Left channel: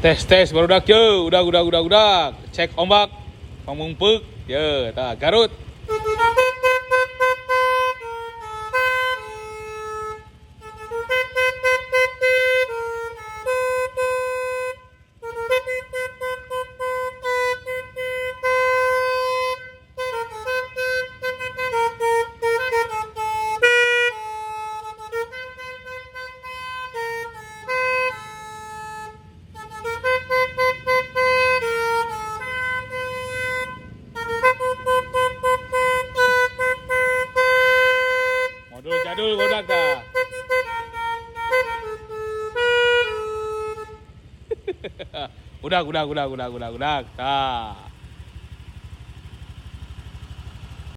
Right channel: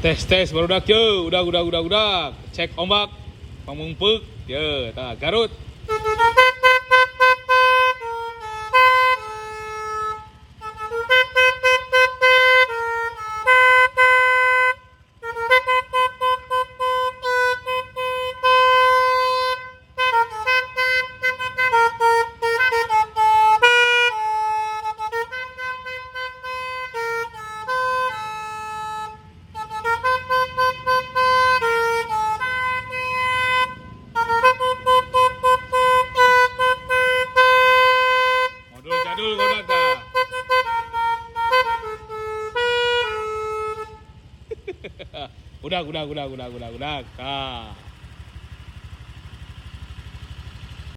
Tes barudak yo, udah. Cek ombak, pamungpek, yo, Garut. Modul jadul barudak dah. Udah. Tah.